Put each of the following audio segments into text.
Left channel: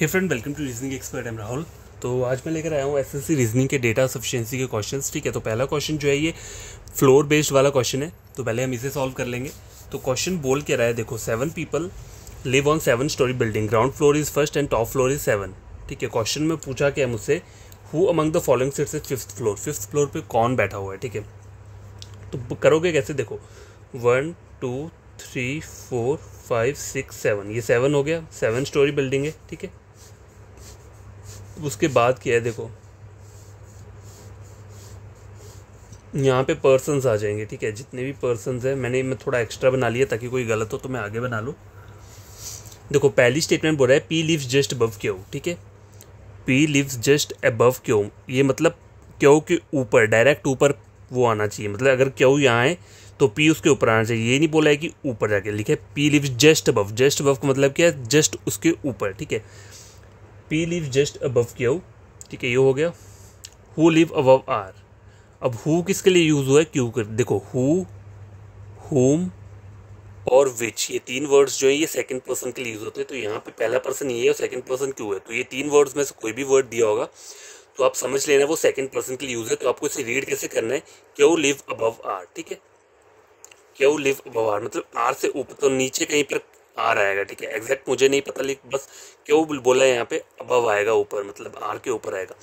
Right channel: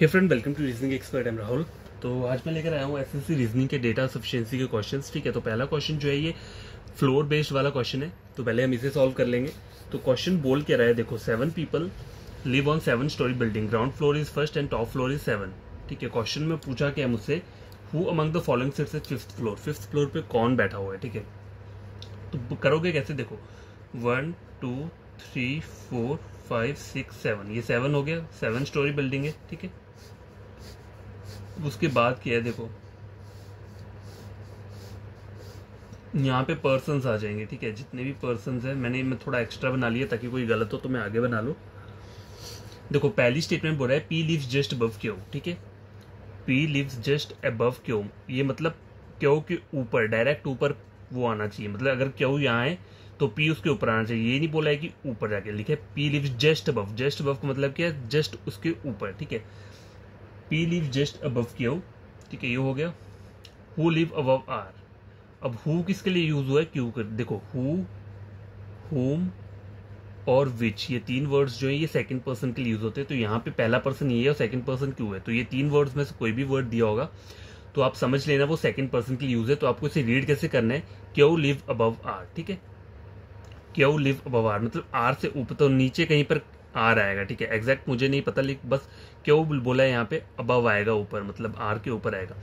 Hey friend, welcome to reasoning expert. Am Rahul. तो आज मैं लेकर आया हूँ एसएससी रीजनिंग के डेटा सफिशिएंसी के क्वेश्चंस। ठीक है, तो पहला क्वेश्चन जो है ये फ्लोर बेस्ड वाला क्वेश्चन है, तो पहले हम इसे सॉल्व कर लेंगे। तो क्वेश्चन बोल के रहा है, देखो 7 people live on 7 story building, ground floor is first and top floor is 7। ठीक है, क्वेश्चन में पूछा क्या मुझसे, who among the following seats at fifth floor, fifth floor पे कौन बैठा हुआ है। ठीक है, तो करोगे कैसे, देखो 1 2 3 4 5 6 7, ये 7 हो गया, 7 स्टोरी बिल्डिंग है। ठीक है, उसके बाद क्या है, देखो यहाँ पे पर्सन्स आ जाएंगे। ठीक है, जितने भी पर्सन्स हैं, मैं थोड़ा एक्स्ट्रा बना लिया ताकि कोई गलत हो तो मैं आगे बना लूँ। देखो पहली स्टेटमेंट बोल रहा है P lives just above Q. ठीक है, P lives just above Q, ये मतलब क्यू के ऊपर, डायरेक्ट ऊपर वो आना चाहिए। मतलब अगर क्यू यहाँ है तो पी उसके ऊपर आना चाहिए, ये नहीं बोला है कि ऊपर जाके लिखे P lives just above. Just above का मतलब क्या है, जस्ट उसके ऊपर। ठीक है, P live just above Q. ठीक है, ये हो गया। हु लिव अबव आर, अब हु किसके लिए यूज हुआ है, क्यू कर। देखो हु, होम और विच, ये तीन वर्ड्स जो है ये सेकंड पर्सन के लिए यूज होते हैं। तो यहाँ पे पहला पर्सन ये है और सेकंड पर्सन क्यू है, तो ये तीन वर्ड्स में से कोई भी वर्ड दिया होगा तो आप समझ लेना वो सेकंड पर्सन के लिए यूज है। तो आपको इसे रीड कैसे करना है, क्यू लिव अबव आर। ठीक है, क्यू लिव अबव आर मतलब आर से ऊपर, तो नीचे कहीं पर आर आएगा। ठीक है, एग्जैक्ट मुझे नहीं पता, लेकिन बस क्यों बोला है यहाँ पे, अबव आएगा ऊपर, मतलब आर के ऊपर आएगा।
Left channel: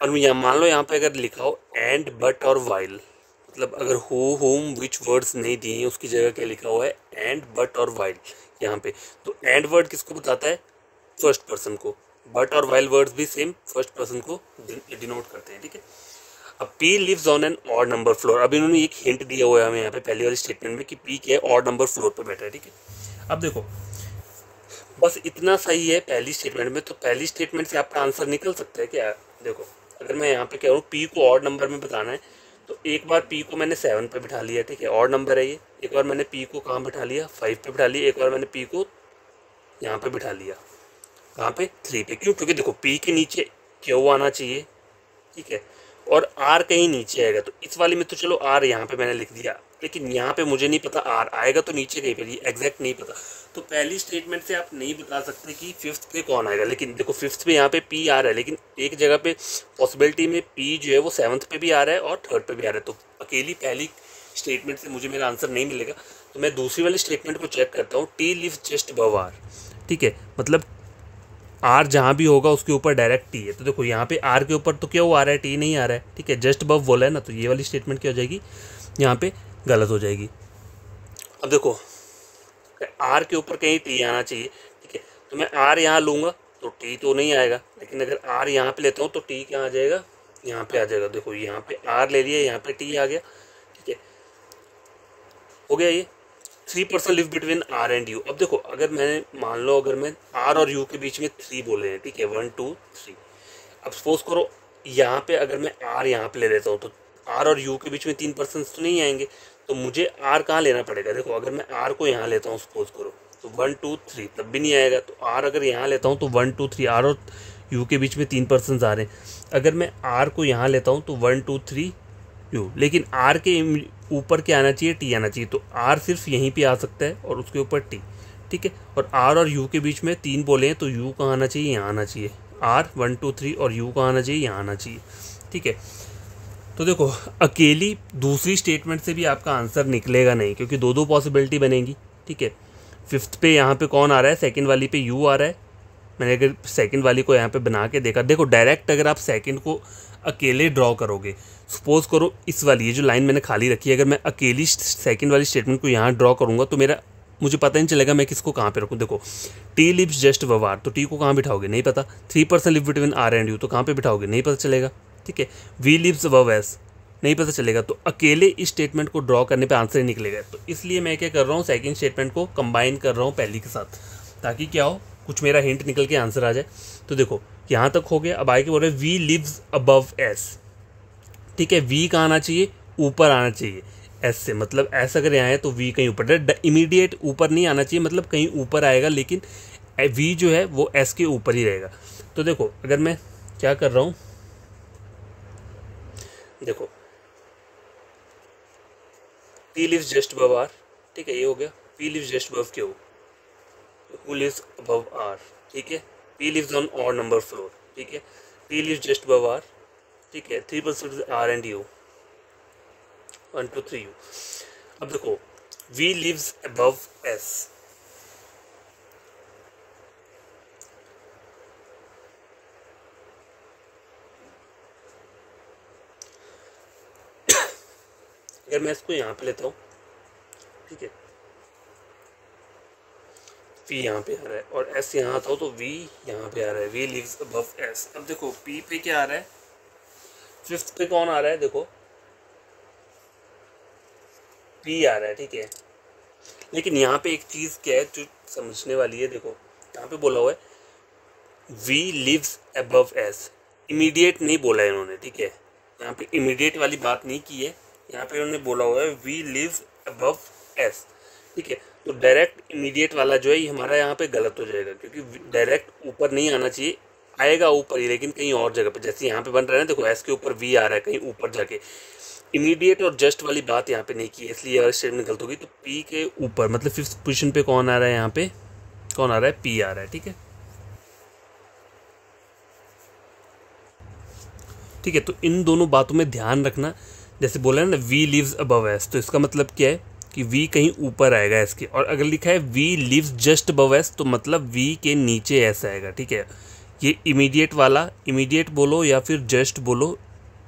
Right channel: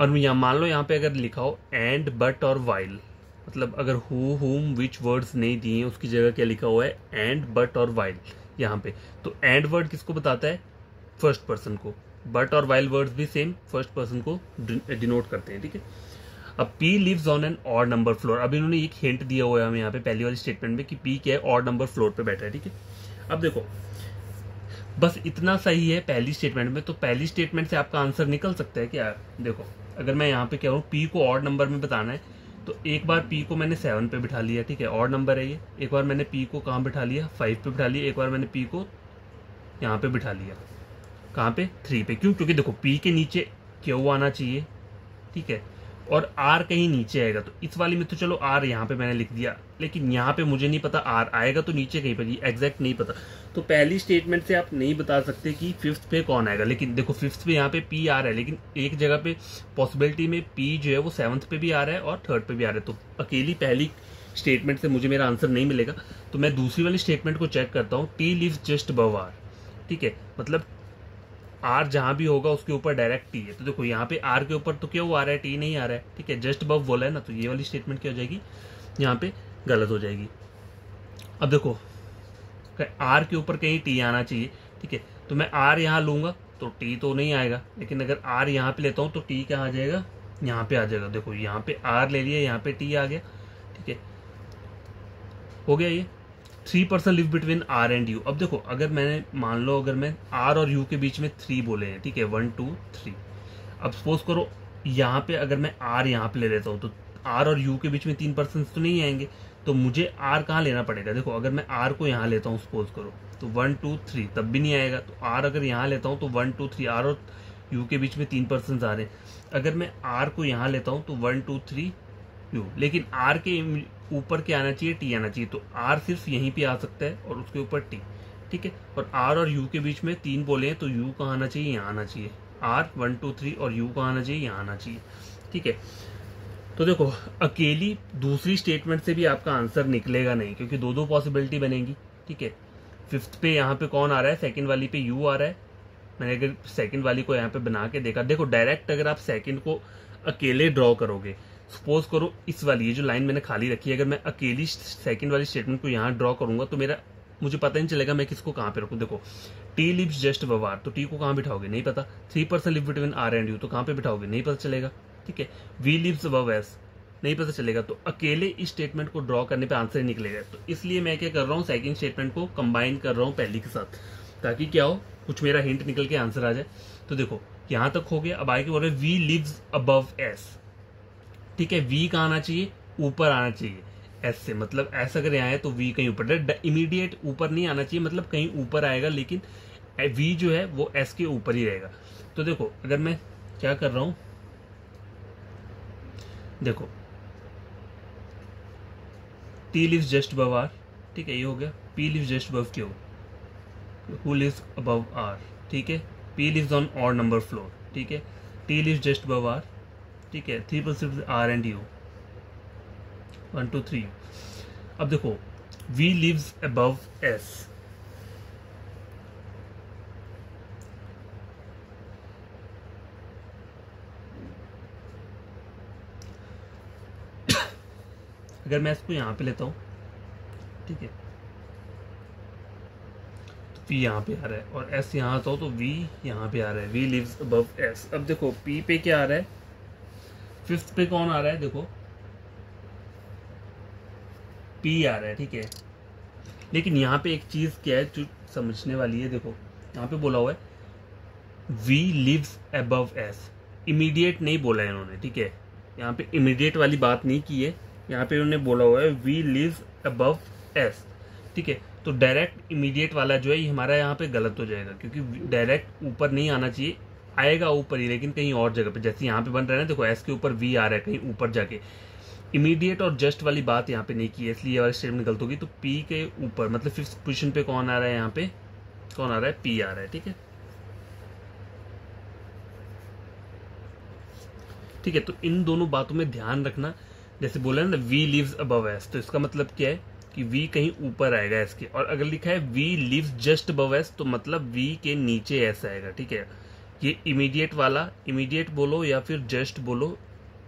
और यहाँ मान लो यहाँ पे अगर लिखा हो एंड बट और वाइल, मतलब अगर हो होम विच वर्ड्स नहीं दिए उसकी जगह क्या लिखा हुआ है, एंड बट और वाइल यहाँ पे। तो एंड वर्ड किसको बताता है, फर्स्ट पर्सन को। बट और वाइल वर्ड्स भी सेम फर्स्ट पर्सन को डिनोट करते हैं। ठीक है, अब P lives on an odd number floor. अब इन्होंने एक हिंट दिया हुआ है हमें यहाँ पे पहली वाली स्टेटमेंट में कि P क्या है, ऑड नंबर फ्लोर पे बैठा है। ठीक है, अब देखो बस इतना सही है पहली स्टेटमेंट में, तो पहली स्टेटमेंट से आपका आंसर निकल सकता है क्या। देखो अगर मैं यहाँ पे कह रहा हूँ P को ऑड नंबर में बताना है, तो एक बार P को मैंने 7 पे बिठा लिया। ठीक है, ऑड नंबर है ये। एक बार मैंने P को कहाँ बिठा लिया, 5 पे बिठा लिया। एक बार मैंने P को यहाँ पे बिठा लिया, कहाँ पे, 3 पे। क्यों, क्योंकि देखो P के नीचे Q आना चाहिए। ठीक है, और आर कहीं नीचे आएगा, तो इस वाली में तो चलो आर यहाँ पे मैंने लिख दिया, लेकिन यहाँ पे मुझे नहीं पता आर आएगा तो नीचे कहीं पर, ये एग्जैक्ट नहीं पता। तो पहली स्टेटमेंट से आप नहीं बता सकते कि फिफ्थ पे कौन आएगा। लेकिन देखो फिफ्थ पे यहाँ पे पी आ रहा है, लेकिन एक जगह पे पॉसिबिलिटी में पी जो है वो 7th पे भी आ रहा है और 3rd पे भी आ रहा है। तो अकेली पहली स्टेटमेंट से मुझे मेरा आंसर नहीं मिलेगा, तो मैं दूसरी वाली स्टेटमेंट को चेक करता हूँ। T lives just above R. ठीक है, मतलब आर जहाँ भी होगा उसके ऊपर डायरेक्ट टी है। तो देखो यहाँ पे आर के ऊपर तो क्या वो आ रहा है, टी नहीं आ रहा है। ठीक है, जस्ट अबव बोला है ना, तो ये वाली स्टेटमेंट क्या हो जाएगी, यहाँ पे गलत हो जाएगी। अब देखो आर के ऊपर कहीं टी आना चाहिए। ठीक है, तो मैं आर यहाँ लूँगा तो टी तो नहीं आएगा, लेकिन अगर आर यहाँ पे लेता हूँ तो टी क्या आ जाएगा, यहाँ पे आ जाएगा। देखो यहाँ पे आर ले लिया, यहाँ पे टी आ गया। ठीक है, हो गया ये। 3 person live between R and U. अब देखो अगर मैंने मान लो अगर मैं आर और यू के बीच में 3 बोले हैं, ठीक है 1 2 3। अब सपोज करो यहाँ पे अगर मैं आर यहाँ पे ले लेता हूँ, तो आर और यू के बीच में 3 पर्सन तो नहीं आएंगे, तो मुझे आर कहाँ लेना पड़ेगा। देखो अगर मैं आर को यहाँ लेता हूँ सपोज करो, तो 1 2 3 तब भी नहीं आएगा। तो आर अगर यहाँ लेता हूँ तो 1 2 3, आर और यू के बीच में 3 पर्सन आ रहे हैं। अगर मैं आर को यहाँ लेता हूँ तो 1 2 3 यू, लेकिन आर के ऊपर क्या आना चाहिए, टी आना चाहिए। तो आर सिर्फ यहीं पे आ सकता है और उसके ऊपर टी। ठीक है, और आर और यू के बीच में 3 बोले हैं, तो यू कहाँ आना चाहिए, यहाँ आना चाहिए। आर 1 2 3 और यू कहाँ आना चाहिए, यहाँ आना चाहिए। ठीक है, तो देखो अकेली दूसरी स्टेटमेंट से भी आपका आंसर निकलेगा नहीं, क्योंकि दो दो पॉसिबिलिटी बनेगी। ठीक है, फिफ्थ पे यहाँ पे कौन आ रहा है, सेकेंड वाली पे यू आ रहा है। मैंने अगर सेकंड वाली को यहाँ पे बना के देखा, देखो डायरेक्ट अगर आप सेकंड को अकेले ड्रॉ करोगे, सपोज करो इस वाली ये जो लाइन मैंने खाली रखी है, अगर मैं अकेली सेकंड वाली स्टेटमेंट को यहाँ ड्रॉ करूँगा तो मुझे पता नहीं चलेगा मैं किसको कहाँ पे रखूँ। देखो T lives just above R, तो टी को कहाँ बिठाओगे, नहीं पता। 3 person live between R and U, तो कहाँ पे बिठाओगे, नहीं पता चलेगा। ठीक है, वी लिव्स अबव एस, नहीं पता चलेगा। तो अकेले इस स्टेटमेंट को ड्रॉ करने पे आंसर निकलेगा। तो इसलिए मैं क्या कर रहा हूँ, सेकंड स्टेटमेंट को कंबाइन कर रहा हूँ पहली के साथ, ताकि क्या हो, कुछ मेरा हिंट निकल के आंसर आ जाए। तो देखो यहाँ तक हो गया। अब आगे बोल रहे वी लिव्स अबव एस। ठीक है, वी कहाँ आना चाहिए, ऊपर आना चाहिए एस से, मतलब एस अगर यहाँ है तो वी कहीं ऊपर, इमीडिएट ऊपर नहीं आना चाहिए, मतलब कहीं ऊपर आएगा, लेकिन वी जो है वो एस के ऊपर ही रहेगा। तो देखो अगर मैं क्या कर रहा हूँ, देखो T lives just above R. ठीक है, ये हो गया। P lives just above Q, who lives above R. ठीक है, P lives on odd number floor, ठीक है, T lives just above R, ठीक है, 3% R and U, 1 2 3 U। अब देखो V lives above S, अगर मैं इसको यहाँ पे लेता हूँ, ठीक है, P यहाँ पे आ रहा है और S यहाँ आता हो तो V यहाँ पे आ रहा है, V lives above S। अब देखो P पे क्या आ रहा है, फिफ्थ पे कौन आ रहा है, देखो P आ रहा है, ठीक है। लेकिन यहाँ पे एक चीज़ क्या है जो समझने वाली है, देखो यहाँ पे बोला हुआ है V lives above S, immediate नहीं बोला है इन्होंने, ठीक है, यहाँ पे इमीडिएट वाली बात नहीं की है, यहाँ पे उन्होंने बोला हुआ है V lives above S, ठीक है। तो डायरेक्ट इमीडिएट वाला जो है ये हमारा यहाँ पे गलत हो जाएगा, क्योंकि डायरेक्ट ऊपर नहीं आना चाहिए, आएगा ऊपर ही लेकिन कहीं और जगह पे, जैसे यहाँ पे बन रहा है ना, देखो S के ऊपर V आ रहा है कहीं ऊपर जाके, इमीडिएट और जस्ट वाली बात यहाँ पे नहीं की है, इसलिए ये स्टेटमेंट गलत होगी। तो P के ऊपर मतलब फिफ्थ पोजिशन पे कौन आ रहा है, यहाँ पे कौन आ रहा है, P आ रहा है, ठीक है, ठीक है। तो इन दोनों बातों में ध्यान रखना, जैसे बोला है ना V lives above S, तो इसका मतलब क्या है कि V कहीं ऊपर आएगा S के, और अगर लिखा है V lives just above S तो मतलब V के नीचे S आएगा, ठीक है। ये इमीडिएट वाला, इमीडिएट बोलो या फिर जस्ट बोलो,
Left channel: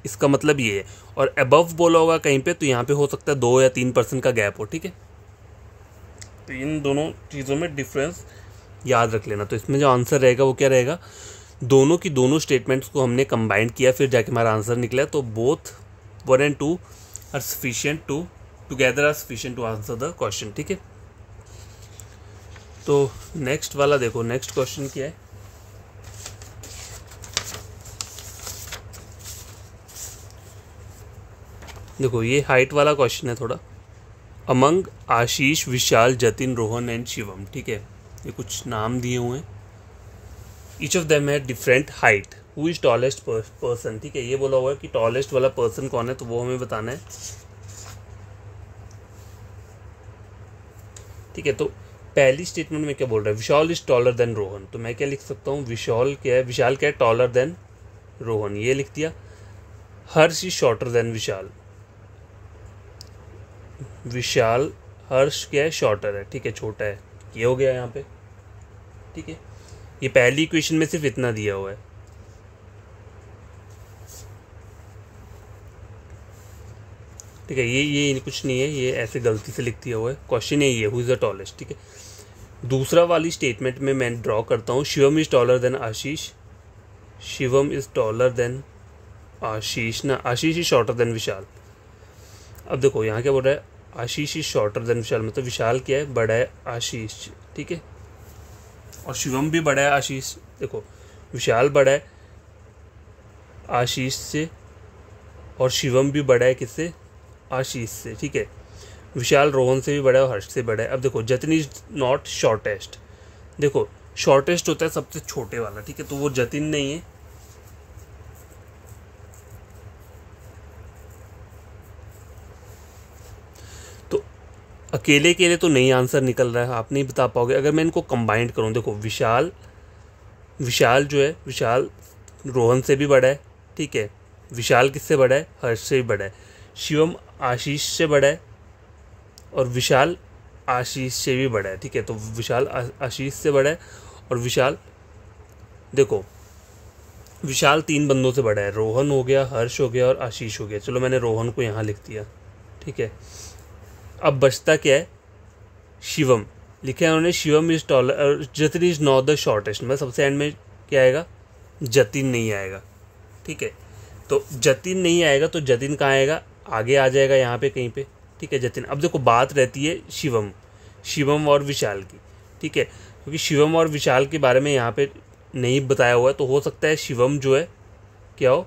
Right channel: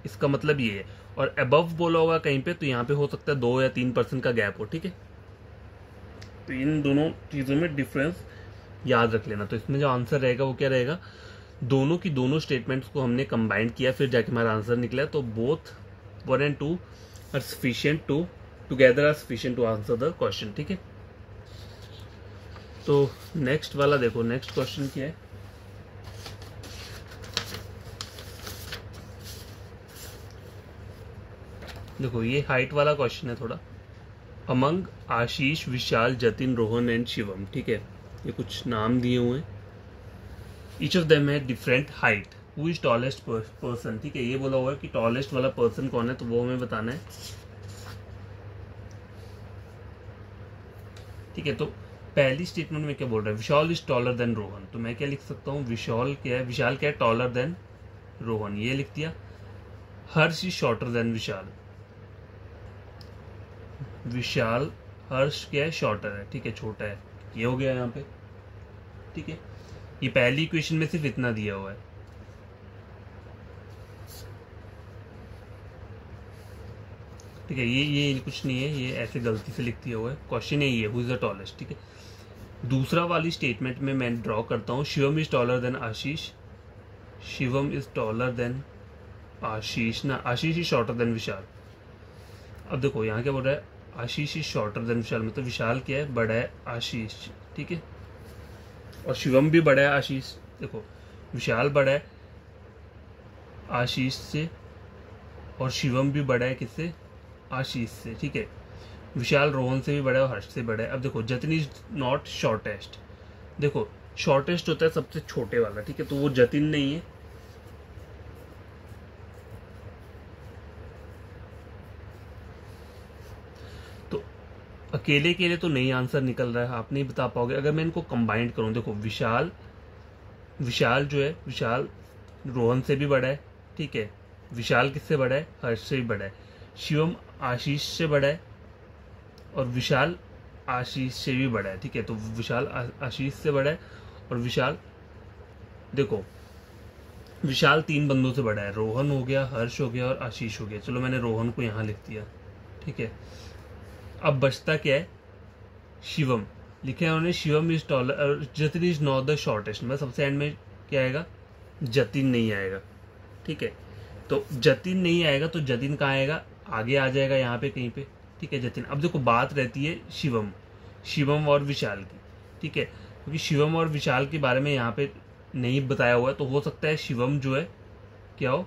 इसका मतलब ये है, और अबव बोला होगा कहीं पे तो यहाँ पे हो सकता है 2 या 3% का गैप हो, ठीक है। तो इन दोनों चीज़ों में डिफरेंस याद रख लेना। तो इसमें जो आंसर रहेगा वो क्या रहेगा, दोनों की दोनों स्टेटमेंट्स को हमने कंबाइन किया, फिर जाके हमारा आंसर निकला। तो both 1 and 2 are sufficient to together are sufficient to answer the question, ठीक है। तो नेक्स्ट वाला देखो, नेक्स्ट क्वेश्चन क्या है, देखो ये हाइट वाला क्वेश्चन है थोड़ा। Among Ashish, Vishal, Jatin, Rohan and Shivam, ठीक है, ये कुछ नाम दिए हुए हैं। ईच ऑफ देम है different height, who is tallest person, ठीक है, ये बोला हुआ है कि टॉलेस्ट वाला पर्सन कौन है, तो वो हमें बताना है, ठीक है। तो पहली स्टेटमेंट में क्या बोल रहा है, विशाल इज टॉलर देन रोहन, तो मैं क्या लिख सकता हूँ, विशाल क्या है टॉलर देन रोहन, ये लिख दिया। हर्ष इज शॉर्टर देन विशाल, विशाल हर्ष क्या है, शॉर्टर है, ठीक है, छोटा है, ये हो गया यहाँ पे, ठीक है। ये पहली इक्वेशन में सिर्फ इतना दिया हुआ है, ठीक है, ये कुछ नहीं है, ये ऐसे गलती से लिख दिया हुआ है, क्वेश्चन है ये, हु इज द टॉलेस्ट, ठीक है। दूसरा वाली स्टेटमेंट में मैं ड्रॉ करता हूँ, Shivam is taller than Ashish, Shivam is taller than Ashish ना, Ashish is shorter than Vishal. अब देखो यहाँ क्या बोल रहा है, Ashish is shorter than Vishal, मतलब विशाल क्या है, बड़ा है आशीष, ठीक है, और शिवम भी बड़ा है आशीष। देखो विशाल बड़ा है आशीष से और शिवम भी बड़ा है किससे, आशीष से, ठीक है। विशाल रोहन से भी बड़ा है और हर्ष से बड़ा है। अब देखो जतिन इज नॉट शॉर्टेस्ट, देखो शॉर्टेस्ट होता है सबसे छोटे वाला, ठीक है, तो वो जतिन नहीं है, अकेले अकेले तो नहीं आंसर निकल रहा है, आप नहीं बता पाओगे। अगर मैं इनको कंबाइंड करूं, देखो विशाल जो है, विशाल रोहन से भी बड़ा है, ठीक है, विशाल किससे बड़ा है, हर्ष से भी बड़ा है। शिवम आशीष से बड़ा है और विशाल आशीष से भी बड़ा है, ठीक है, तो विशाल आशीष से बड़ा है और विशाल, देखो विशाल 3 बंदों से बड़ा है, रोहन हो गया, हर्ष हो गया और आशीष हो गया। चलो मैंने रोहन को यहाँ लिख दिया, ठीक है। अब बचता क्या है, शिवम लिखा है उन्होंने, Shivam is taller, Jatin is not the shortest, मतलब सबसे एंड में क्या आएगा, जतिन नहीं आएगा, ठीक है। तो जतिन नहीं आएगा तो जतिन कहाँ आएगा, आगे आ जाएगा यहाँ पे कहीं पे, ठीक है, जतिन। अब देखो बात रहती है शिवम और विशाल की, ठीक है, क्योंकि शिवम और विशाल के बारे में यहाँ पे नहीं बताया हुआ है, तो हो सकता है शिवम जो है क्या हो,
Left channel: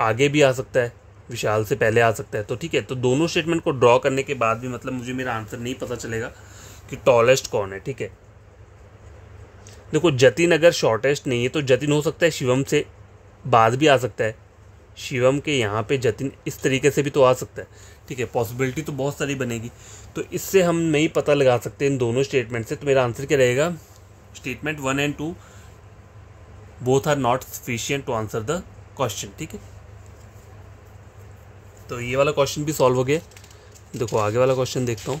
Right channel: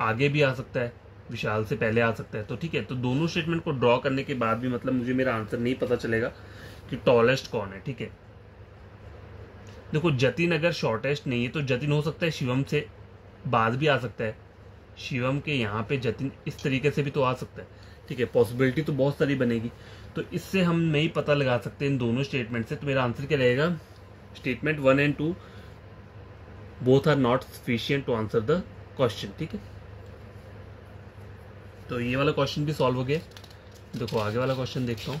आगे भी आ सकता है, विशाल से पहले आ सकता है, तो ठीक है। तो दोनों स्टेटमेंट को ड्रॉ करने के बाद भी मतलब मुझे मेरा आंसर नहीं पता चलेगा कि टॉलेस्ट कौन है, ठीक है। देखो जतिन अगर शॉर्टेस्ट नहीं है तो जतिन हो सकता है शिवम से बाद भी आ सकता है, शिवम के यहाँ पे जतिन इस तरीके से भी तो आ सकता है, ठीक है, पॉसिबिलिटी तो बहुत सारी बनेगी। तो इससे हम नहीं पता लगा सकते इन दोनों स्टेटमेंट से, तो मेरा आंसर क्या रहेगा, statement 1 and 2 both are not sufficient to answer the question. ठीक है, तो ये वाला क्वेश्चन भी सॉल्व हो गया। देखो आगे वाला क्वेश्चन देखता हूँ।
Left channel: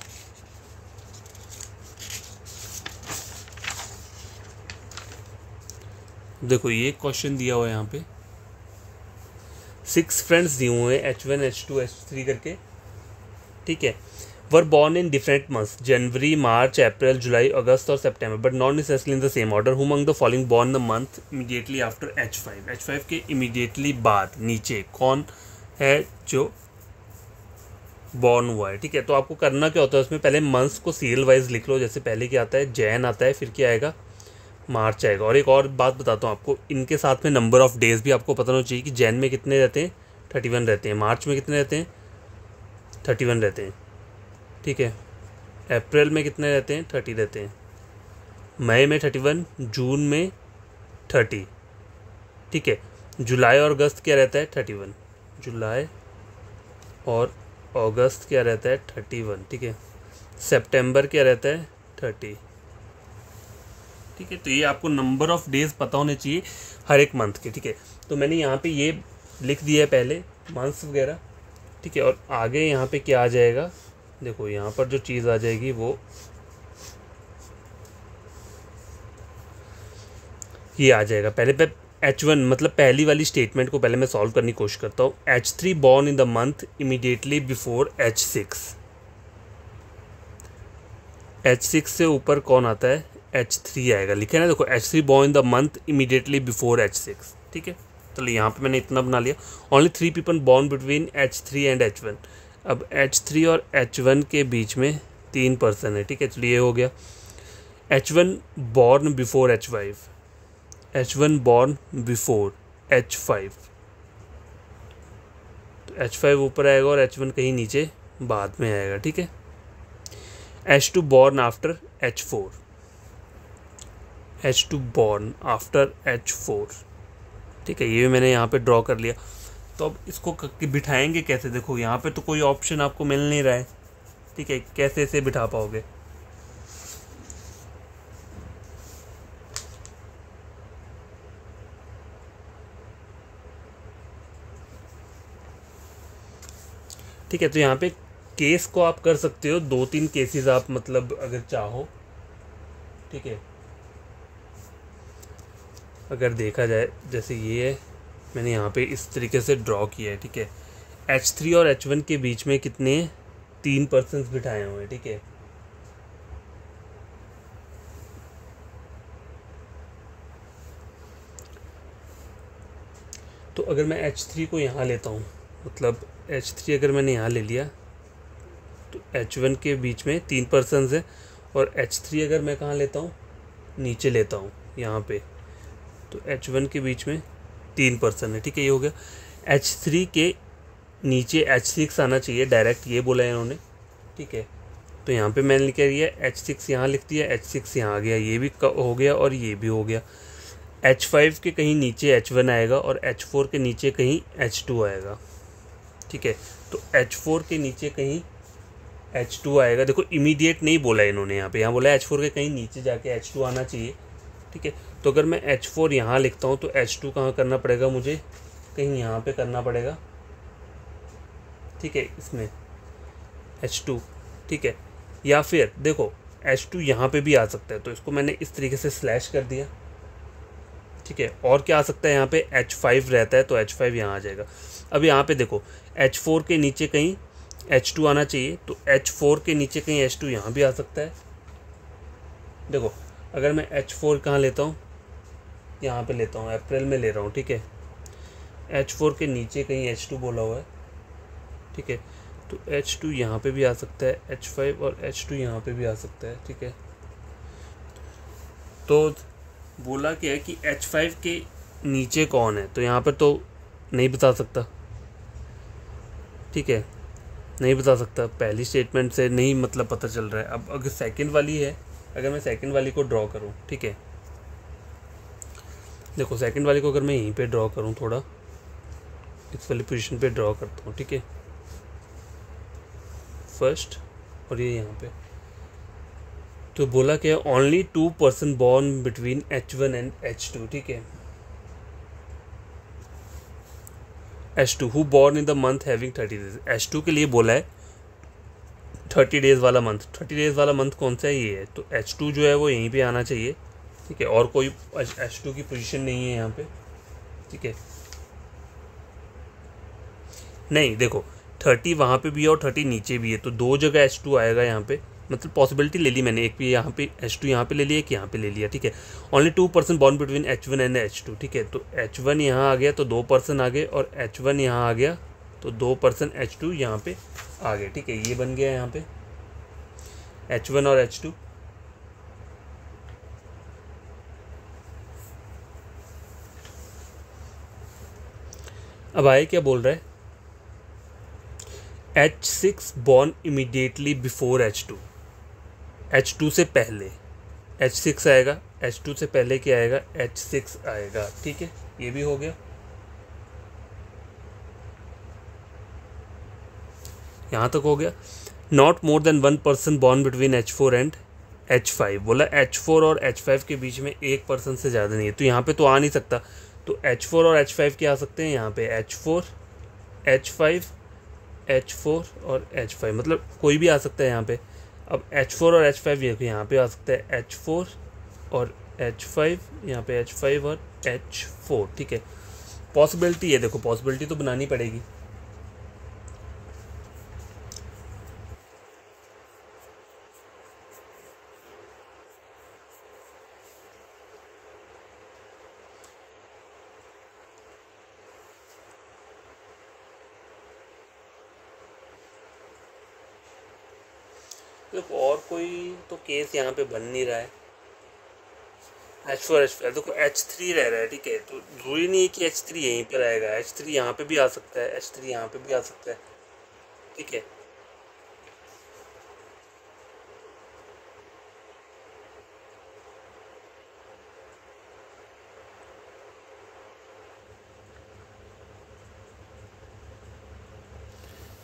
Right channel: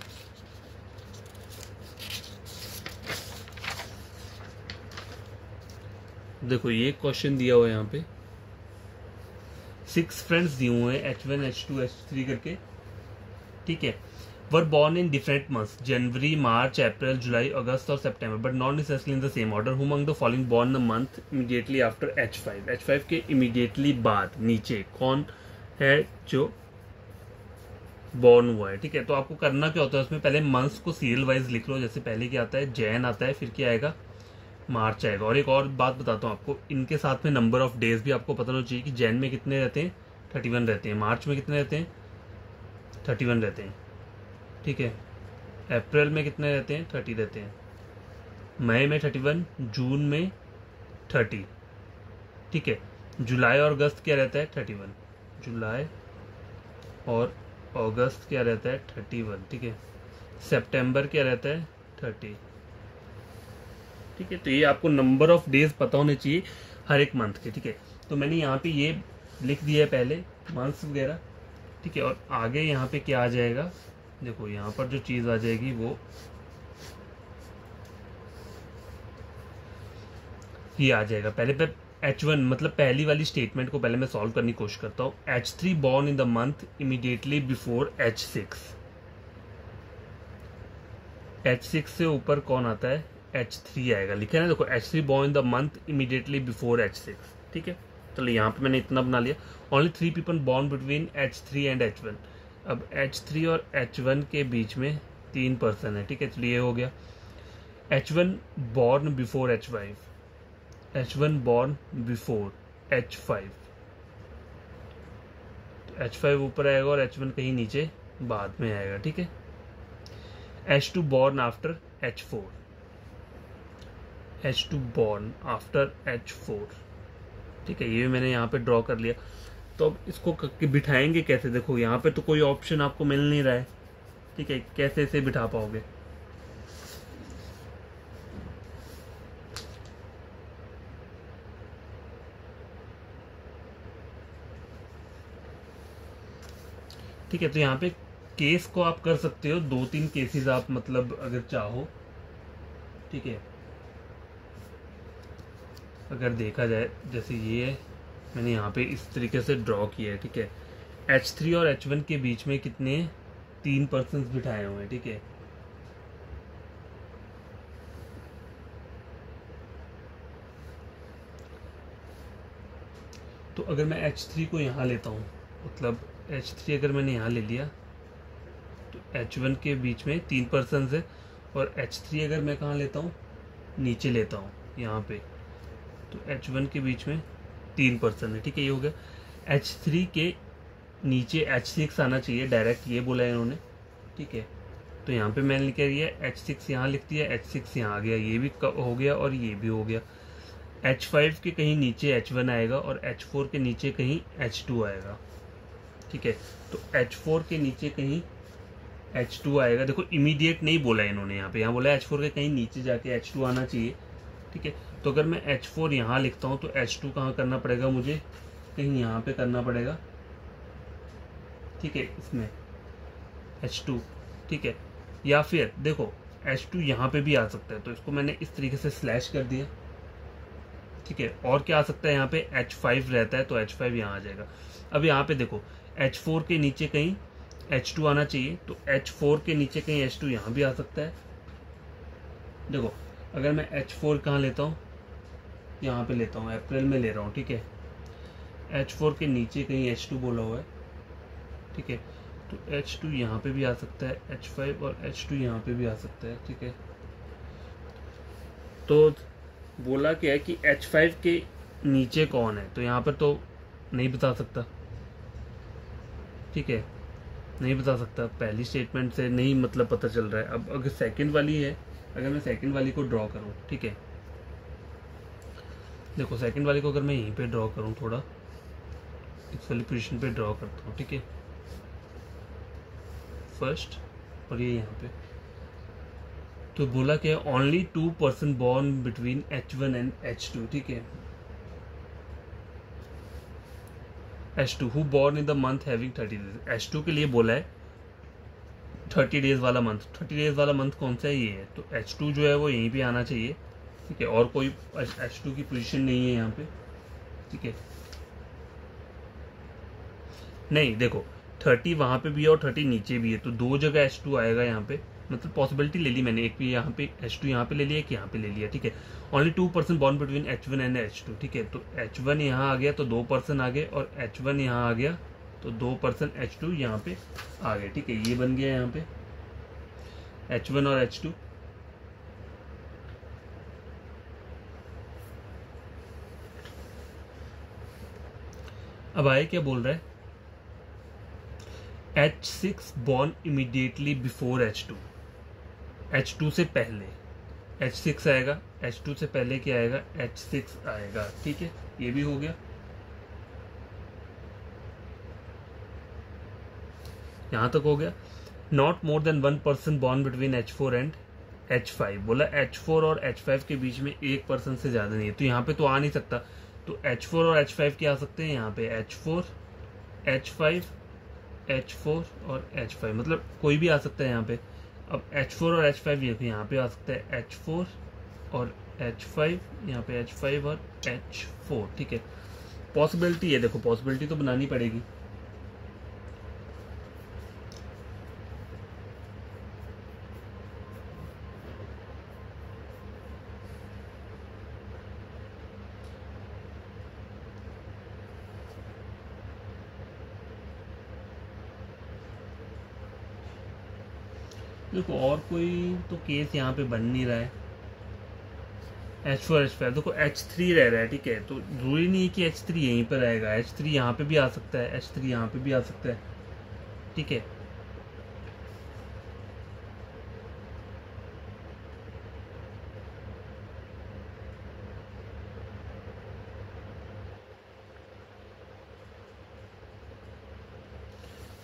देखो ये क्वेश्चन दिया हुआ है यहाँ पे, 6 फ्रेंड्स दिए हुए हैं H1 H2 H3 करके। ठीक है, were born in different months, January, March, April, July, August और September, but not necessarily in the same order. Who among the following born the month immediately after H5। H5 के immediately बाद नीचे कौन है जो बॉर्न हुआ है। ठीक है, तो आपको करना क्या होता है उसमें, पहले मंथ्स को सीरियल वाइज लिख लो। जैसे पहले क्या आता है, जैन आता है, फिर क्या आएगा, मार्च आएगा। और एक और बात बताता हूँ आपको, इनके साथ में नंबर ऑफ डेज भी आपको पता होना चाहिए कि जैन में कितने रहते हैं, 31 रहते हैं। मार्च में कितने रहते हैं, 31 रहते हैं। ठीक है, अप्रैल में कितने रहते हैं, 30 रहते हैं। मई में 31, जून में 30। ठीक है, जुलाई और अगस्त क्या रहता है, 31। जुलाई और अगस्त क्या रहता है, 31। ठीक है, सितंबर क्या रहता है, 30। ठीक है, तो ये आपको नंबर ऑफ डेज पता होने चाहिए हर एक मंथ के। ठीक है, तो मैंने यहाँ पे ये लिख दिया है पहले मंथ्स वगैरह। ठीक है, और आगे यहाँ पे क्या आ जाएगा, देखो यहाँ पर जो चीज़ आ जाएगी वो ये आ जाएगा। पहले पे H1 मतलब पहली वाली स्टेटमेंट को पहले मैं सॉल्व करने की कोशिश करता हूँ। H3 born in the month immediately before H6। H6 से ऊपर कौन आता है, H3 आएगा, लिखे ना। देखो H3 born in the month immediately before H6। ठीक है, चलिए यहाँ पे मैंने इतना बना लिया। Only 3 people born between H3 and H1। अब H3 और H1 के बीच में 3 पर्सन है। ठीक है, चलिए ये हो गया। H1 born before H5, H1 born before H5, तो H5 ऊपर आएगा और H1 कहीं नीचे बाद में आएगा। ठीक है, H2 born after H4, H2 born after H4। ठीक है, ये भी मैंने यहाँ पे ड्रॉ कर लिया। तो अब इसको बिठाएंगे कैसे, देखो यहाँ पे तो कोई ऑप्शन आपको मिल नहीं रहा है। ठीक है, कैसे इसे बिठा पाओगे, ठीक है, तो यहाँ पे केस को आप कर सकते हो, 2-3 केसेस आप मतलब अगर चाहो। ठीक है, अगर देखा जाए जैसे ये है, मैंने यहाँ पे इस तरीके से ड्रॉ किया है। ठीक है, H3 और H1 के बीच में कितने 3 पर्सन्स बिठाए हुए हैं। ठीक है, तो अगर मैं H3 को यहाँ लेता हूँ, मतलब H3 अगर मैंने यहाँ ले लिया तो H1 के बीच में 3 पर्सन्स हैं। और H3 अगर मैं कहाँ लेता हूँ, नीचे लेता हूँ यहाँ पे, तो H1 के बीच में 3 पर्सन है। ठीक है, ये हो गया। H3 के नीचे H6 आना चाहिए डायरेक्ट, ये बोला है इन्होंने। ठीक है, तो यहाँ पे मैंने लिख दिया H6 यहाँ लिख दिया, H6 यहाँ आ गया, ये भी हो गया और ये भी हो गया। H5 के कहीं नीचे H1 आएगा और H4 के नीचे कहीं H2 आएगा। ठीक है, तो H4 के नीचे कहीं H2 आएगा। देखो इमीडिएट नहीं बोला इन्होंने यहाँ पे, यहाँ बोला H4 के कहीं नीचे जाके H2 आना चाहिए। ठीक है, तो अगर मैं H4 यहाँ लिखता हूँ तो H2 कहाँ करना पड़ेगा मुझे, कहीं यहाँ पे करना पड़ेगा। ठीक है, इसमें H2। ठीक है, या फिर देखो H2 यहाँ पे भी आ सकता है, तो इसको मैंने इस तरीके से स्लैश कर दिया। ठीक है, और क्या आ सकता है, यहाँ पे H5 रहता है तो H5 यहाँ आ जाएगा। अब यहाँ पे देखो H4 के नीचे कहीं H2 आना चाहिए, तो H4 के नीचे कहीं H2 यहाँ भी आ सकता है। देखो अगर मैं H4 कहाँ लेता हूँ, यहाँ पे लेता हूँ, अप्रैल में ले रहा हूँ। ठीक है, H4 के नीचे कहीं H2 बोला हुआ है। ठीक है, तो H2 यहाँ पे भी आ सकता है, H5 और H2 यहाँ पे भी आ सकता है। ठीक है, तो बोला क्या है कि H5 के नीचे कौन है, तो यहाँ पर तो नहीं बता सकता। ठीक है, नहीं बता सकता, पहली स्टेटमेंट से नहीं मतलब पता चल रहा है। अब अगर सेकंड वाली है, अगर मैं सेकंड वाली को ड्रॉ करूँ, ठीक है, देखो सेकंड वाली को अगर मैं यहीं पे ड्रॉ करूँ, थोड़ा इस वाली पोजीशन पे ड्रॉ करता हूँ। ठीक है, फर्स्ट और ये यहाँ पे, तो बोला क्या, only 2 person born between H1 and H2। ठीक है, H2 who born in the month having 30 days, H2 के लिए बोला है 30 डेज वाला मंथ। 30 डेज वाला मंथ कौन सा है, ये है। तो H2 जो है वो यहीं पे आना चाहिए, ठीक है, और कोई H2 की पोजीशन नहीं है यहाँ पे, ठीक है। नहीं देखो 30 वहाँ पे भी है और 30 नीचे भी है, तो दो जगह H2 आएगा यहाँ पे, मतलब पॉसिबिलिटी ले ली मैंने, एक भी यहाँ पे H2 यहाँ पे ले लिया, एक यहाँ पे ले लिया, ठीक है। Only 2% born between H1 and H2, ठीक है। तो H1 यहाँ आ गया तो 2% आ गए, और H1 यहाँ आ गया तो 2% H2 यहाँ पे आ गए, ठीक है। ये बन गया यहाँ पे H1 और H2। अब आए क्या बोल रहा है, H6 born immediately before H2, H2 से पहले H6 आएगा, H2 से पहले क्या आएगा, H6 आएगा, ठीक है। ये भी हो गया। यहां तक हो गया। Not more than 1% born between H4 and H5, बोला H4 और H5 के बीच में 1% से ज़्यादा नहीं है, तो यहाँ पे तो आ नहीं सकता। तो H4 और H5 क्या आ सकते हैं यहाँ पे, H4 H5 H4 और H5, मतलब कोई भी आ सकता है यहाँ पे। अब H4 और H5 यहाँ पे आ सकता है H4 और H5, यहाँ पे H5 और H4, ठीक है। पॉसिबिलिटी है, देखो पॉसिबिलिटी तो बनानी पड़ेगी। देखो और कोई तो केस यहाँ पे बन नहीं रहा है। H4 H5, देखो H3 रह रहा है, ठीक है। तो जरूरी नहीं है कि H3 यहीं पर आएगा, H3 यहाँ पे भी आ सकता है, H3 यहाँ पे भी आ सकता है, ठीक है।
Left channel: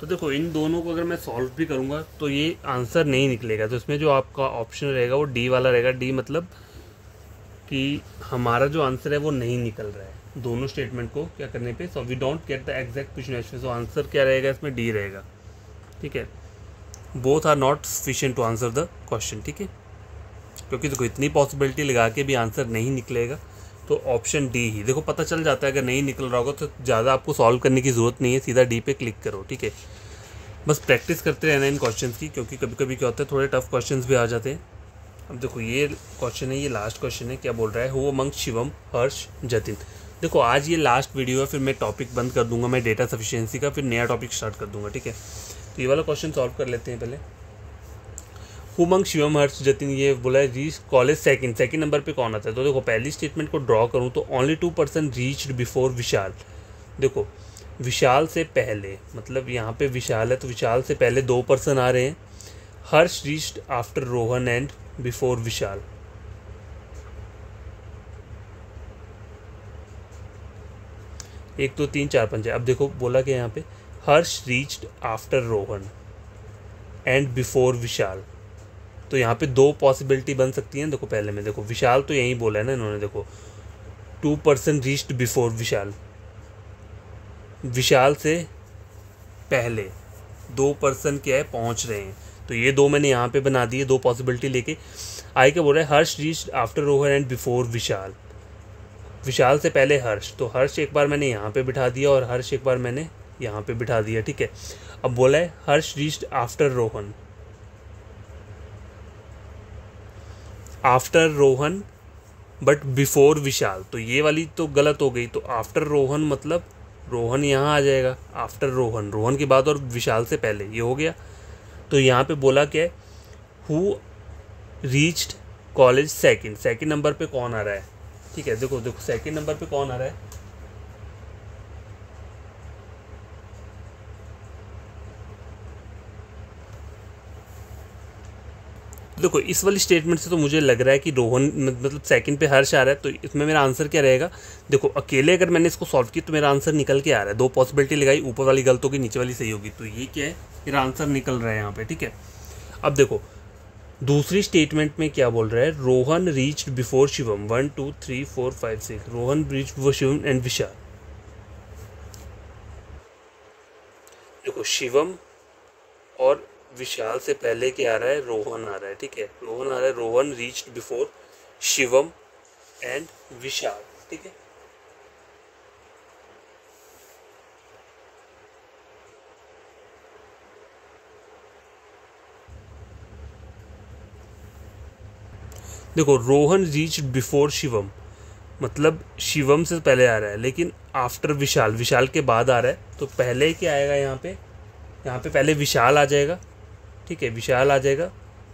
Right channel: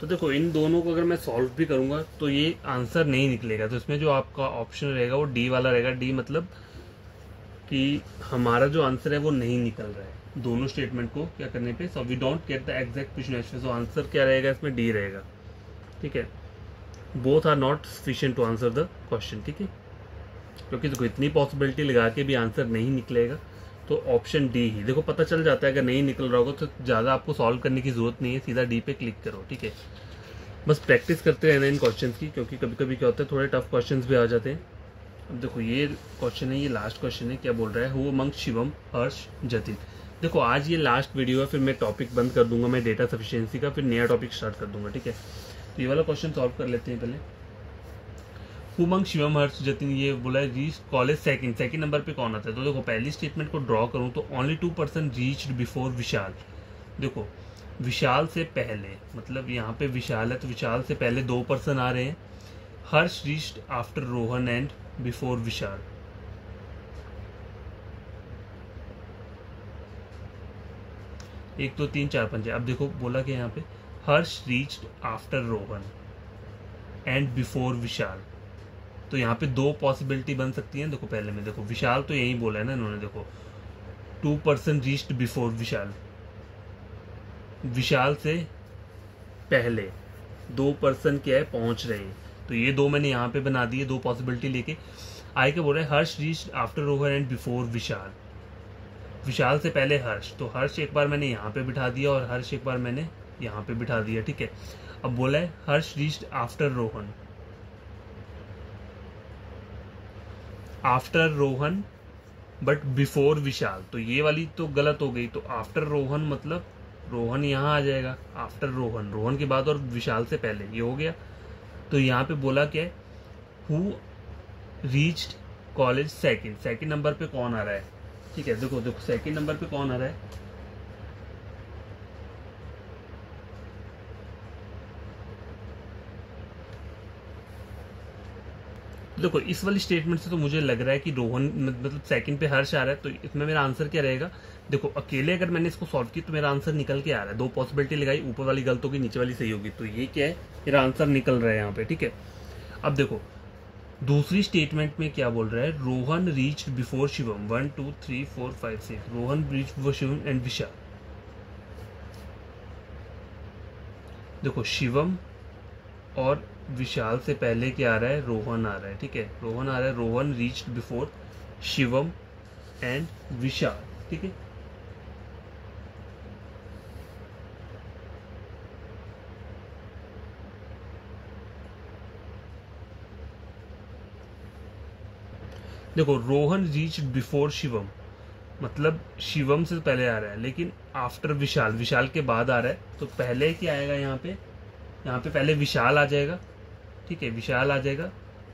तो देखो इन दोनों को अगर मैं सॉल्व भी करूंगा तो ये आंसर नहीं निकलेगा, तो इसमें जो आपका ऑप्शन रहेगा वो डी वाला रहेगा। डी मतलब कि हमारा जो आंसर है वो नहीं निकल रहा है दोनों स्टेटमेंट को क्या करने पे। So we don't get the exact question, so answer क्या रहेगा इसमें, डी रहेगा, ठीक है। Both are not sufficient to answer the question, ठीक है। क्योंकि देखो इतनी पॉसिबिलिटी लगा के भी आंसर नहीं निकलेगा, तो ऑप्शन डी ही। देखो पता चल जाता है अगर नहीं निकल रहा होगा तो ज़्यादा आपको सॉल्व करने की ज़रूरत नहीं है, सीधा डी पे क्लिक करो, ठीक है। बस प्रैक्टिस करते रहना इन क्वेश्चंस की, क्योंकि कभी कभी क्या होता है थोड़े टफ क्वेश्चंस भी आ जाते हैं। अब देखो ये क्वेश्चन है, ये लास्ट क्वेश्चन है। क्या बोल रहा है, हु अमंग शिवम हर्ष जतिन। देखो आज ये लास्ट वीडियो है, फिर मैं टॉपिक बंद कर दूंगा मैं डेटा सफिशिएंसी का, फिर नया टॉपिक स्टार्ट कर दूंगा, ठीक है। तो ये वाला क्वेश्चन सॉल्व कर लेते हैं पहले। हु अमंग शिवम हर्ष जतिन, ये बोला है रीच कॉलेज सेकंड नंबर पे कौन आता है। तो देखो पहली स्टेटमेंट को ड्रॉ करूँ तो ओनली 2% रीच्ड बिफोर विशाल। देखो विशाल से पहले, मतलब यहाँ पे विशाल है तो विशाल से पहले 2% आ रहे हैं। Harsh reached after Rohan and before Vishal. एक दो तीन चार पंच है। अब देखो बोला कि यहाँ पे Harsh reached after Rohan and before Vishal, तो यहाँ पे दो पॉसिबिलिटी बन सकती है। देखो पहले में देखो विशाल तो यही बोला है ना इन्होंने, देखो 2% रीच्ड बिफोर विशाल, विशाल से पहले 2% क्या है पहुंच रहे हैं, तो ये दो मैंने यहाँ पे बना दिए, दो पॉसिबिलिटी लेके। आगे क्या बोल रहा है, Harsh reached after Rohan and before Vishal, Vishal से पहले हर्ष, तो हर्ष एक बार मैंने यहाँ पे बिठा दिया और हर्ष एक बार मैंने यहाँ पे बिठा दिया, ठीक है। अब बोला है Harsh reached after Rohan, after Rohan but before Vishal, तो ये वाली तो गलत हो गई। तो आफ्टर रोहन मतलब रोहन यहाँ आ जाएगा, आफ्टर रोहन, रोहन के बाद और विशाल से पहले, ये हो गया। तो यहाँ पे बोला क्या है, who reached college second number पे कौन आ रहा है, ठीक है। देखो देखो सेकंड नंबर पे कौन आ रहा है, देखो इस वाली स्टेटमेंट से तो मुझे लग रहा है कि रोहन मतलब सेकंड पे हर्ष आ रहा है, तो इसमें मेरा आंसर क्या रहेगा। देखो अकेले अगर मैंने इसको सॉल्व किया तो मेरा आंसर निकल के आ रहा है, दो पॉसिबिलिटी लगाई, ऊपर वाली गलत होगी नीचे वाली सही होगी, तो ये क्या है मेरा आंसर निकल रहा है यहाँ पे, ठीक है। अब देखो दूसरी स्टेटमेंट में क्या बोल रहा है, Rohan reached before Shivam, 1 2 3 4 5 6, Rohan reached before Shivam and Vishal. देखो शिवम और विशाल से पहले क्या आ रहा है, रोहन आ रहा है, ठीक है, रोहन आ रहा है, Rohan reached before Shivam and Vishal, ठीक है। देखो रोहन रीच्ड बिफोर शिवम मतलब शिवम से पहले आ रहा है, लेकिन आफ्टर विशाल, विशाल के बाद आ रहा है, तो पहले क्या आएगा यहाँ पे, यहाँ पे पहले विशाल आ जाएगा, ठीक है, विशाल आ जाएगा,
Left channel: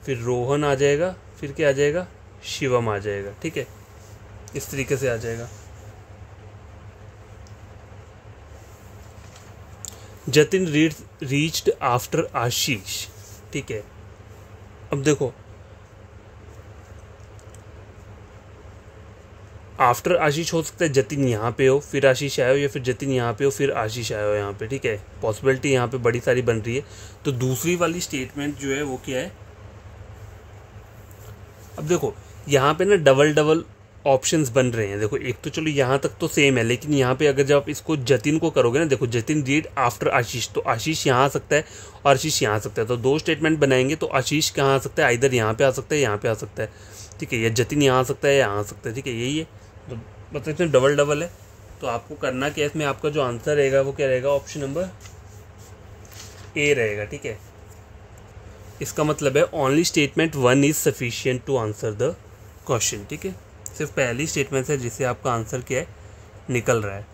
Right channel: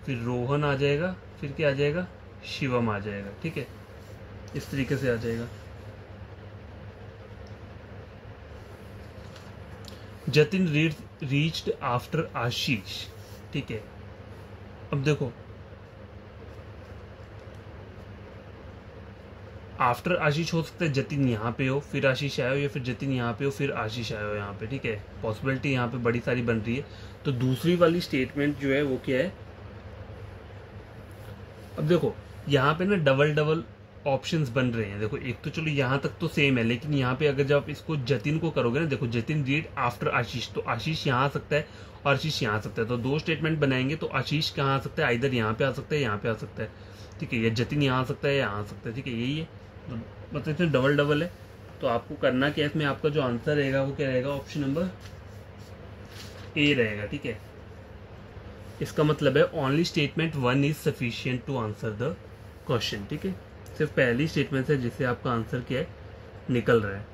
फिर रोहन आ जाएगा, फिर क्या आ जाएगा, शिवम आ जाएगा, ठीक है, इस तरीके से आ जाएगा। जतिन रीच्ड आफ्टर आशीष, ठीक है। अब देखो आफ्टर आशीष हो सकता है जतिन यहाँ पे हो फिर आशीष आए हो, या फिर जतिन यहाँ पे हो फिर आशीष आए हो यहाँ पे, ठीक है, पॉसिबिलिटी यहाँ पे बड़ी सारी बन रही है। तो दूसरी वाली स्टेटमेंट जो है वो क्या है, अब देखो यहाँ पे ना डबल डबल ऑप्शंस बन रहे हैं। देखो एक तो चलो यहाँ तक तो सेम है, लेकिन यहाँ पे अगर जब आप इसको जतिन को करोगे ना, देखो जतिन रीड आफ्टर आशीष, तो आशीष यहाँ आ सकता है और आशीष यहाँ आ सकता है, तो दो स्टेटमेंट बनाएंगे तो आशीष कहाँ आ सकता है, इधर यहाँ पे आ सकता है, यहाँ पे आ सकता है, ठीक है, या जतिन यहाँ आ सकता है, यहाँ आ सकता है, ठीक है, यही है। तो मतलब इसमें डबल डबल है, तो आपको करना क्या है, इसमें आपका जो आंसर रहेगा वो क्या रहेगा, ऑप्शन नंबर ए रहेगा, ठीक है। इसका मतलब है only statement 1 is sufficient to answer the question, ठीक है, सिर्फ पहली स्टेटमेंट है जिससे आपका आंसर क्या है, निकल रहा है।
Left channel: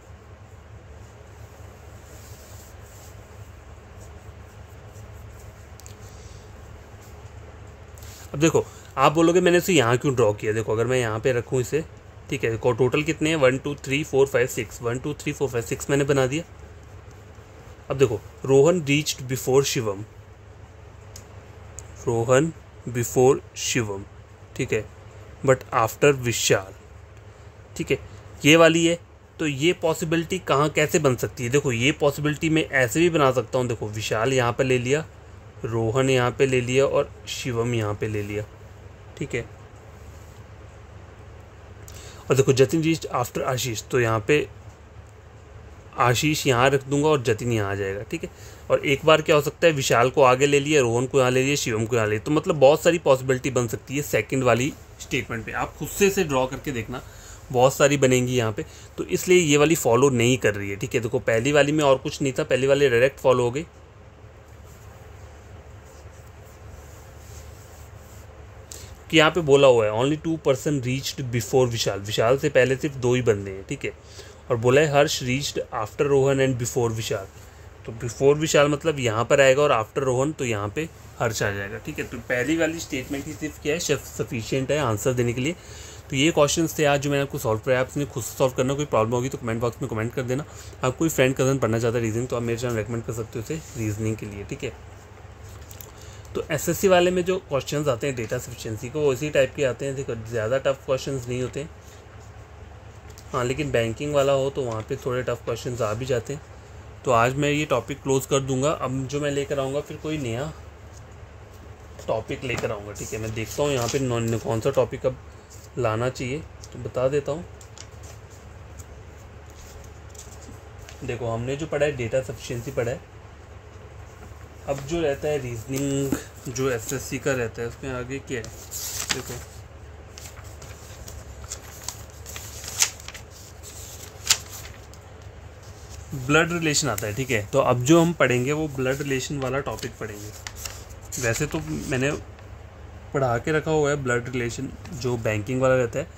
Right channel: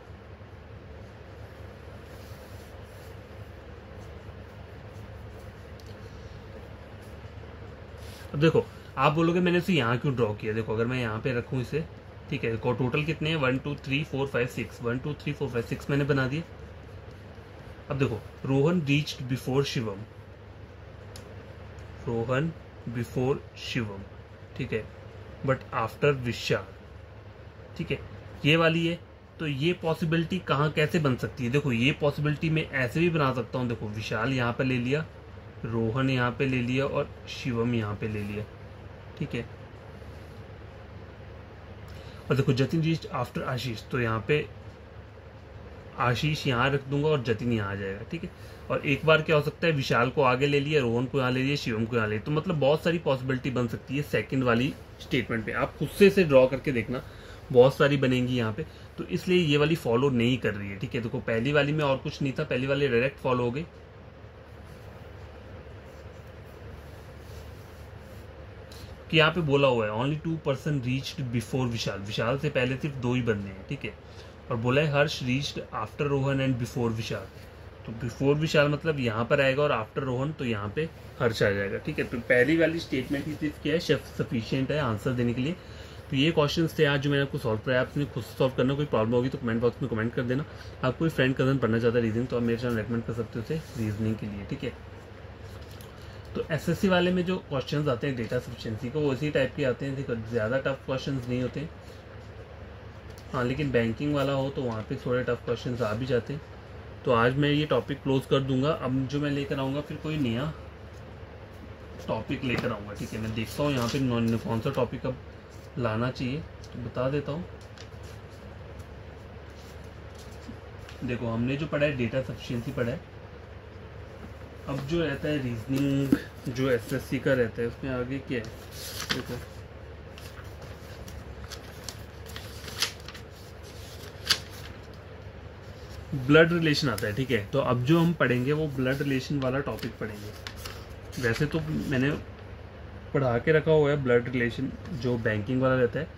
अब देखो आप बोलोगे मैंने इसे यहाँ क्यों ड्रॉ किया, देखो अगर मैं यहाँ पे रखूँ इसे, ठीक है, टोटल कितने हैं 1 2 3 4 5 6, 1 2 3 4 5 6 मैंने बना दिया। अब देखो Rohan reached before Shivam, Rohan before Shivam, ठीक है, बट आफ्टर विशाल, ठीक है, ये वाली है। तो ये पॉसिबिलिटी कहाँ कैसे बन सकती है, देखो ये पॉसिबिलिटी मैं ऐसे भी बना सकता हूँ, देखो विशाल यहाँ पे ले लिया, रोहन यहाँ पे ले लिया और शिवम यहाँ पे ले लिया, ठीक है, और देखो जतिन रीच्ड आफ्टर आशीष, तो यहाँ पे आशीष यहाँ रख दूंगा और जतिन यहाँ आ जाएगा, ठीक है। और एक बार क्या हो सकता है, विशाल को आगे ले लिया, रोहन को यहाँ ले लिया, शिवम को यहाँ ले लिया, तो मतलब बहुत सारी पॉसिबिलिटी बन सकती है सेकंड वाली स्टेटमेंट पे। आप खुद से इसे ड्रॉ करके देखना, बहुत सारी बनेंगी यहाँ पे, तो इसलिए ये वाली फॉलो नहीं कर रही है, ठीक है। देखो पहली वाली में और कुछ नहीं था, पहली वाली डायरेक्ट फॉलो हो गई, कि यहाँ पे बोला हुआ है only 2 person reached before Vishal, Vishal से पहले सिर्फ 2 ही बंदे हैं, ठीक है, और बोला है Harsh reached after Rohan and before Vishal, तो बिफोर विशाल मतलब यहाँ पर आएगा और आफ्टर रोहन तो यहाँ पे हर्ष आ जाएगा, ठीक है। तो पहली वाली स्टेटमेंट ही सिर्फ क्या है, सफिशिएंट है आंसर देने के लिए। तो ये क्वेश्चंस थे आज जो मैंने आपको सॉल्व कराया, आपने खुद से सॉल्व करना, कोई प्रॉब्लम होगी तो कमेंट बॉक्स में कमेंट कर देना। आप कोई फ्रेंड कजन पढ़ना चाहता है रीजनिंग, तो आप मेरे चैनल रेकमेंड कर सकते हो उसे रीजनिंग के लिए, ठीक है। तो एसएससी वाले में जो क्वेश्चंस आते हैं डेटा सफिशिएंसी को, वो इसी टाइप के आते हैं, देखो ज़्यादा टफ क्वेश्चंस नहीं होते, हाँ, लेकिन बैंकिंग वाला हो तो वहाँ पे थोड़े टफ क्वेश्चंस आ भी जाते हैं। तो आज मैं ये टॉपिक क्लोज कर दूंगा, अब जो मैं लेकर आऊँगा फिर कोई नया टॉपिक लेकर आऊँगा, ठीक है। मैं देखता हूँ यहाँ पे कौन सा टॉपिक अब लाना चाहिए, तो बता देता हूँ। देखो हमने जो पढ़ा है डेटा सफिशिएंसी पढ़ा है, अब जो रहता है रीजनिंग जो एसएससी का रहता है, उसमें आगे क्या है, देखो ब्लड रिलेशन आता है, ठीक है। तो अब जो हम पढ़ेंगे वो ब्लड रिलेशन वाला टॉपिक पढ़ेंगे। वैसे तो मैंने पढ़ा के रखा हुआ है ब्लड रिलेशन जो बैंकिंग वाला रहता है,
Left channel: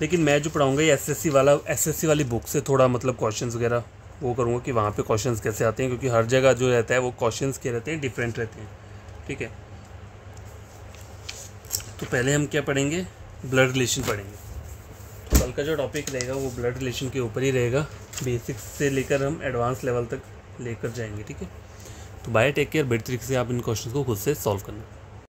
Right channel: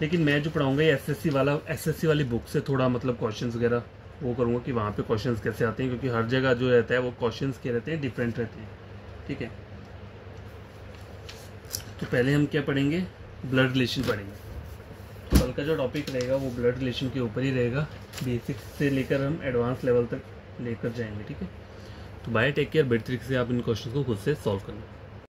लेकिन मैं जो पढ़ाऊँगा ये एसएससी वाली बुक से थोड़ा मतलब क्वेश्चंस वगैरह वो करूँगा कि वहाँ पे क्वेश्चंस कैसे आते हैं, क्योंकि हर जगह जो रहता है वो क्वेश्चंस के रहते हैं, डिफरेंट रहते हैं, ठीक है। तो पहले हम क्या पढ़ेंगे, ब्लड रिलेशन पढ़ेंगे। तो कल का जो टॉपिक रहेगा वो ब्लड रिलेशन के ऊपर ही रहेगा, बेसिक्स से लेकर हम एडवांस लेवल तक लेकर जाएंगे, ठीक है। तो बाय, टेक केयर, बेटर तरीके से आप इन क्वेश्चन को खुद से सॉल्व करना।